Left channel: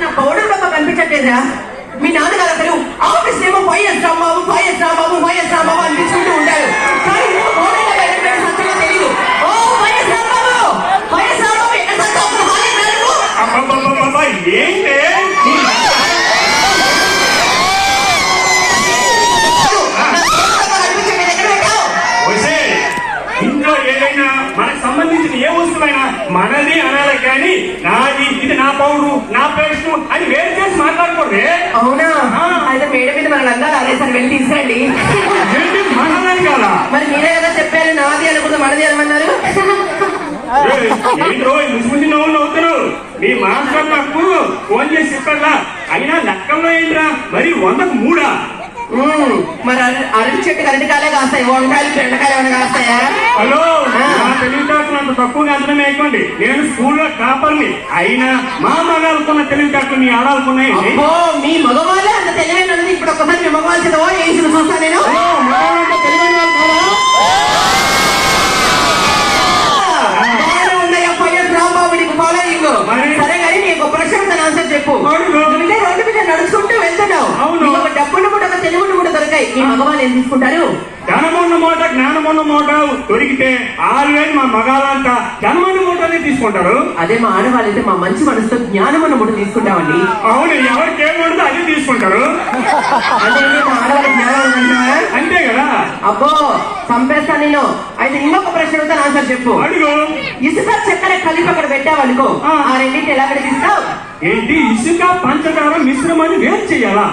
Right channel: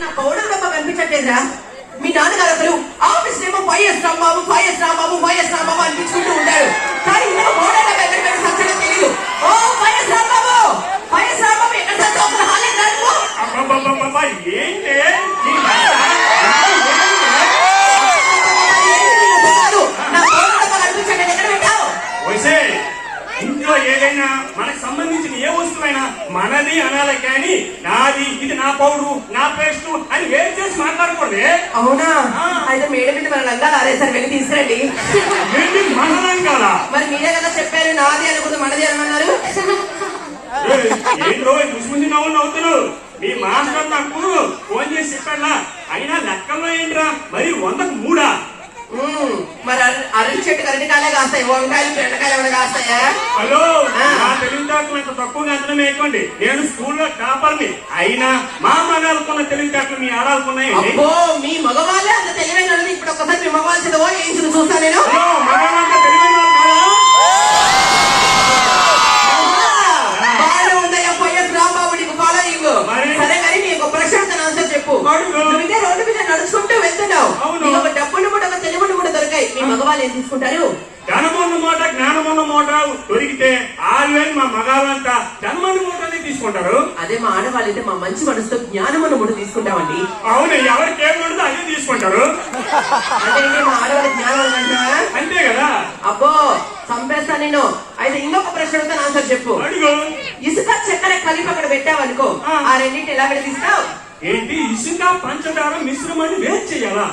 నా పౌడర్ డబ్బా కనిపించట్లేదురా. మీ నాన్నగారు అసలు ఆఫీస్ ఏమో వైఎస్ రాంబాబు అనిపించుకుంటూ ఉంటారు. కానీ పౌడర్ డబ్బా ఎక్కడ సత్యంగా తెలియదు. ఓ వైఎస్ రాంబాబు ఎక్కడ ఇంట్లో ఏదైనా మనకు సంబంధించిన ఏ వస్తువైనా మనది అనాలి కానీ నాది, ఇది నా పౌరు, నా పేస్ట్ అని వేరు చేసి మాట్లాడకూడదు. అవునా? అయితే మేడ మీద మన లంగాలు ఆరేసారి వెళ్ళి తీసుకురండి. మనదేం కాదా? మరి మీరే కదా చెప్పారు నాది అనుకుంటే మనది అనమన్నారు. ఏంటో ముసుముంది నవ్వుతారు. మీ మాస్టర్ నాకు ఫోన్ చేసి చెప్పాలా? అయినా లెక్కల్లో ఏంట్రా మరి 100కు 3. మరి అరటి చెట్టు అరటి కాలే కాస్తాయి, వంకాయలు బెండకాయలు ఏమైనా కాస్తాయా? హలో, నా తెలివితేటలు అంత తక్కువగా అంతనే వేయకండి. నేను స్కూల్లో టాపర్ని. అయినా మా మగాలకున్న తెలివితేటలు మీ ఆడాలకున్నాయి. అబ్బో, మీ మగవాళ్ళే అంత తెలివైన ఇప్పుడు ఒక్కసారి మీ మగవాళ్ళు చదవో ఏం చూస్తా నేను. మగవాళ్ళంతా తెలివైన వాళ్ళు కాదా? బాగానే ఉన్నాయా వైఎస్ రాంబాబు నీకు ఫాలోయింగ్? సరే కానీ నీకు ప్రశ్న ఆన్సర్ చెప్పు. నువ్వే రోడ్డు మీద నడుచుకుంటూ వెళ్తున్నావు, ఒక డబ్బును కూడా ఒక తెలుగును కూడా దొరికాయి. మీ మగవాళ్ళు ఏం తీసుకుంటారు? ధనమున్న మూట జ్ఞానమున్న మూట దొరికితే 6,000 మా మగాళ్ళంతా ధనమున్న మూటని తీసుకుంటారు. అదే మా ఆడవాళ్ళు అయితే మా మంచి మనసుతో జ్ఞానమున్న మూట తీసుకుంటామండి. అవును, ఎవరికి ఏముంటుందో అదే తీసుకుంటారు. అంటే మా ఆడవాళ్ళకి జ్ఞానం అంతే కదా. అబ్బో చంపేస్తా నేను. అయితే ఇంకొక ప్రశ్న ఆన్సర్ చెప్పు. అడుగు. ఇసుక చక్కెర కలిపి అక్కడ పెట్టావనుకో, ఆ రెండింటి ఎలా విడిగిస్తావు? ఏంటి, ఇసుక పంచదార మిశ్రమాన్ని వేరు చేయాలా?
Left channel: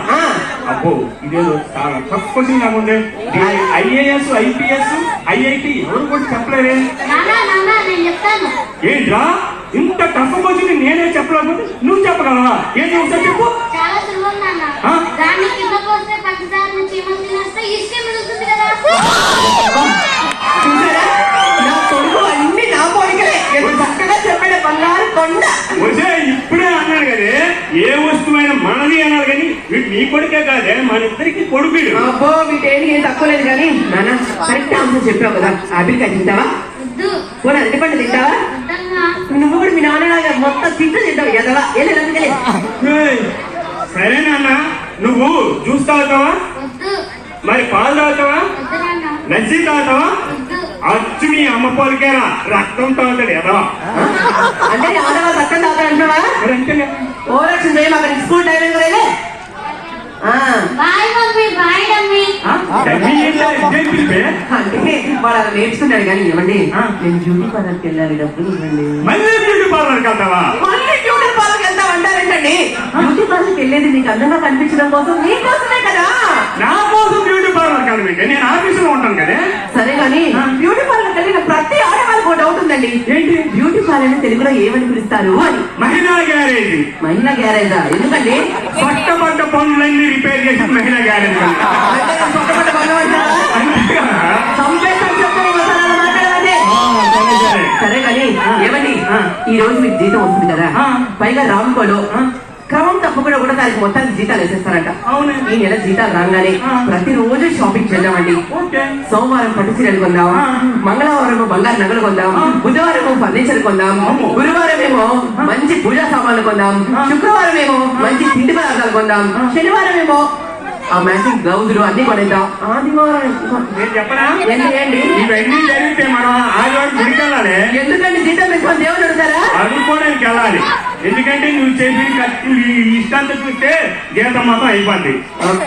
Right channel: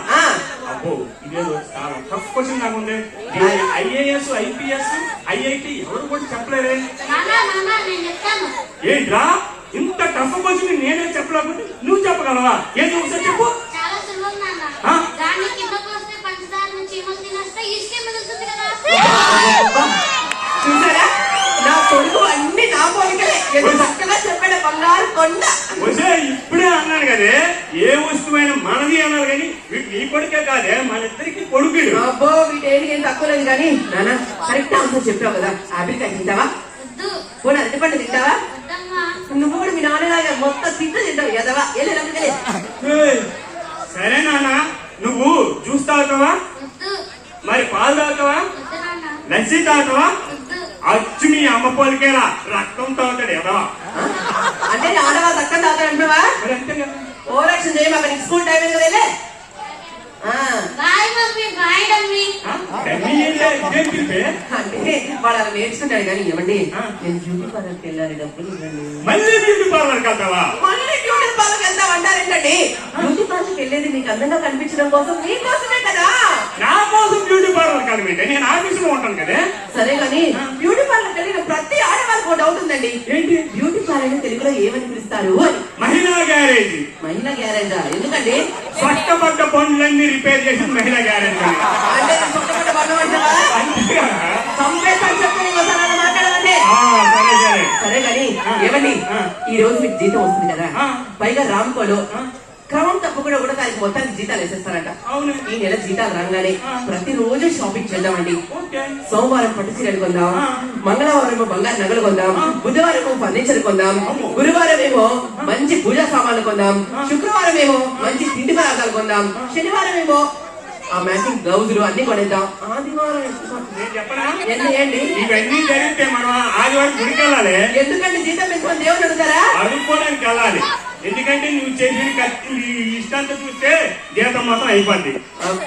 అబ్బో, ఇదేదో చాలా టఫ్ క్వశ్చన్ కాకుండా IAS, IPS, IIT ఎవరు కూడా చెప్పలేరే. ఏంట్రా ఇంత టఫ్ క్వశ్చన్ నేనే చెప్పలేకపోతే నువ్వు చెప్పగలవా? ఏంటి ఒకసారి చెప్పు. చూసారా, నా కొడుకు అన్ని నా పోలికలే. చక్కగా చెప్పాడు, బంగారు కొండ. ఇప్పుడే అన్నాడు కదే, ఏ వస్తువైనా మనది అన్నారు కానీ వీటి నీ కొడుకే కాదే, మన ఇద్దరికి కొడుకు. అబ్బో, వీటేంటి ఏం తక్కువ లేదు కానీ నాన్న కరెక్ట్ ఆన్సర్ చెప్పావు కదా. ఆపిల్కాయ తింటావా? పోనీ అరటి పండు తింటావా? నువ్వు కూడా మీ నాన్నలాగా మొత్తం తింటావు ఎదవా. సరే నాన్న, నువ్వు జ్యూస్ తాగుతావా? మరి పాలు తాగుతావా? లస్సీ తాగుతావా? అచ్చు మీ అమ్మ పోలికేనా, రక్తం తాగుతాడు ఎదవా. అంటే ఆడవాళ్ళు రక్తం తాగుతాడు అంటున్నావా? ఓ రక్షణ చేయం, అక్కడ స్కూల్ టైం అంటే వాళ్ళు అలా నేర్చుకున్నాడు. కానీ ఇవ్వండి, నేను బ్యూటీ పార్లర్కి వెళ్ళాలి, డబ్బులు ఇవ్వండి. మళ్ళీ బ్యూటీ పార్లర్కి వెళ్తావా? మళ్ళీ బ్యూటీ పార్లర్కి వెళ్తాం అంటారేంటండి? బ్యూటీ పార్లర్కి వెళ్ళేది నీకు అందంగా కనిపించడం కోసం, నీకోసమే కదా. నా కోసం బ్యూటీ పార్లర్ కాదు, నేను ఆఫీసులో ఉంటాను కదా. సరే కానీ బ్యూటీ పార్లర్కి వెళ్ళిన ప్రతి ఆడవాళ్ళకి ఒక డౌట్ ఉందండి. ఏంటి, బ్యూటీ పార్లర్ తెలుగులో ఏమని పిలుస్తారు అని? మహిళా గ్యారేజ్. మహిళా గ్యారేజా? ఎందుకండి? పట్టబడ్డ పనులన్నీ రిపేర్ చేసి మహిళా గ్యారేజ్. సరే కానీ ఏమండి, ఈ రోజు మీకు జీతం వస్తుంది కదా, పైగా రామ్కోలో క్రమం తప్పకుండా కూడా దానికి మొత్తానికి జీతాలు వేసేస్తారంట. ఈ నెల జీతాలు రాగానే ప్రతిరోజు షాపింగ్ చేద్దామండి. సోమవారం పట్టు చీరలు కొందాం, మంగళవారం బంగారు నగలు కొందాం, బుధవారం ఫర్నిచర్ కొందాం, గురువారం ఏమో మంచి పూజా సామాన్లు కొందాం, శుక్రవారం ఏమో మంచి తిండి పదార్థాలు కొందాం, శనివారం ఏమో ఆ మ్యాచింగ్ బ్లౌజులు అన్ని కొనేద్దాం. ఆదివారం ఇవన్నీ జరిగితే మనం ఆదివారం గుడికి వెళ్ళాలి. ఎందుకంటే జీతం పెట్టుకొని దేవుడు అడుగుతారా? అడుక్కోవడానికి వెళ్ళాలి. ఎందుకంటే నువ్వు చేసిన ఇష్టాంతం చూస్తే జీతం మొత్తం అయిపోద్ది.